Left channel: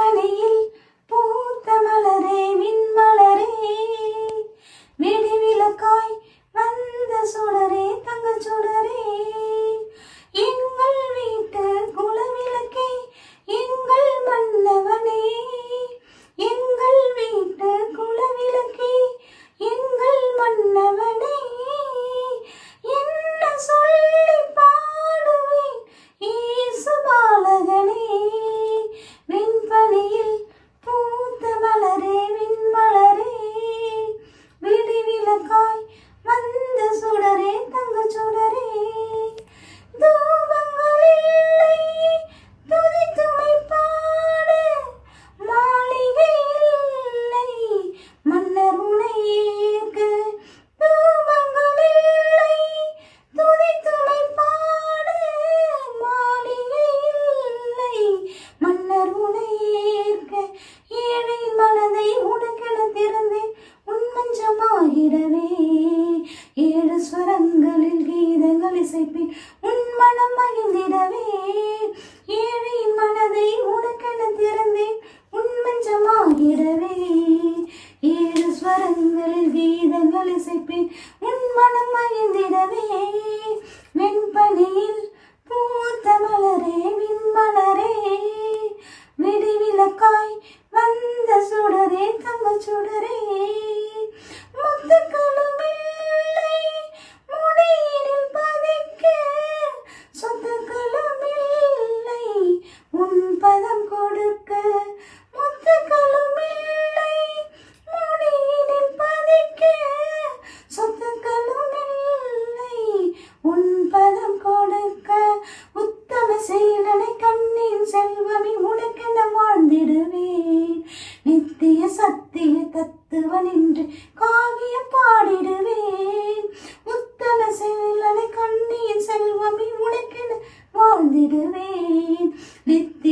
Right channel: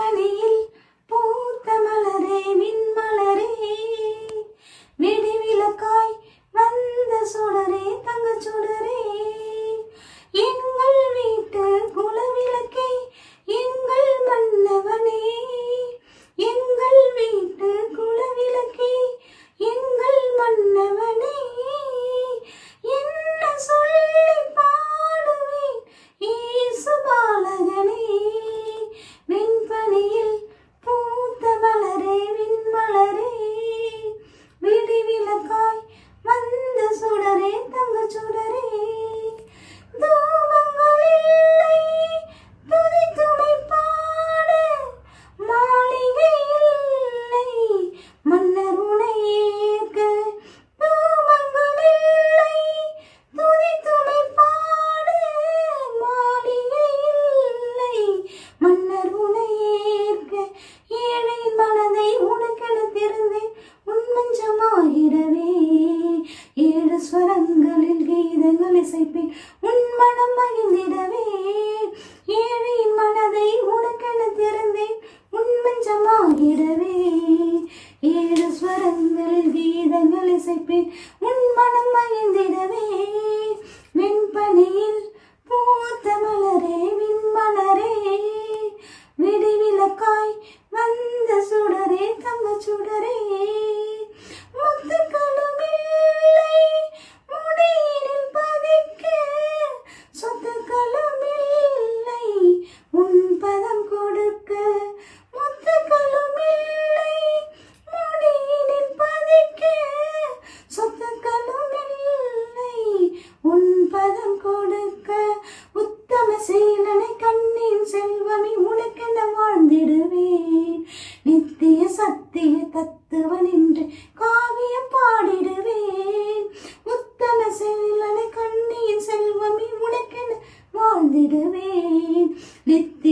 வெண்பனியில் பூத்த மலரே விண்மலரே விடிவிலக்காய் வந்த சுடரே தங்கச் சுடரே எங்கள் வீட்டு குலவிளக்கே எங்கள் மன்னவனே எங்கள் வீட்டு குலவிளக்கே எங்கள் மன்னவனே என்ன சொல்லி பாடுவேன் இயேசு பாலகனே வெண்பனியில் பூத்த மலரே விண்மலரே விடிவிலக்காய் வந்த சுடரே தங்கச் சுடரே தூபங்கள் இல்லை துதித்துமை பாட மாளிகை இல்லை மன்னர் உனை ஏற்க தூபங்கள் இல்லை துதித்துமை பாட மாளிகை இல்லை மன்னர் உனை ஏற்க ஏழை மனதை உனக்கென திறந்தேன் உன் மஞ்சமாகிடவே ஏழு ஸ்வரங்களில் கீதங்கள் இசைப்பேன் உன் மனம் மகிழ்ந்திடவே ஏழை மனதை உனக்கென திறந்தேன் உன் மஞ்சமாகிடவே ஏழு ஸ்வரங்களில் கீதங்கள் இசைப்பேன் உன் மனம் மகிழ்ந்திடவே வெண்பனியில் பூத்த மலரே விண்மலரே விடிவிலக்காய் வந்த சுடரே தங்கச் சுடரே முத்துக்களும் இல்லை முடியினில் பதிக்க சொத்துக்களும் இல்லை உன் பதம் கொடுக்க முத்துக்களும் இல்லை முடியினில் பதிக்க சொத்துக்களும் இல்லை உன் பதம் கொடுக்க உத்தம சீலனை கண்ணின் செல்வமே உனக்கென வாழ்ந்திடுவேன் நித்திய சத்திய தத்துவன் என்று காவியம் பாடிடுவேன் உத்தம சீலனை கண்ணின் செல்வமே உனக்கென வாழ்ந்திடுவேன் நித்திய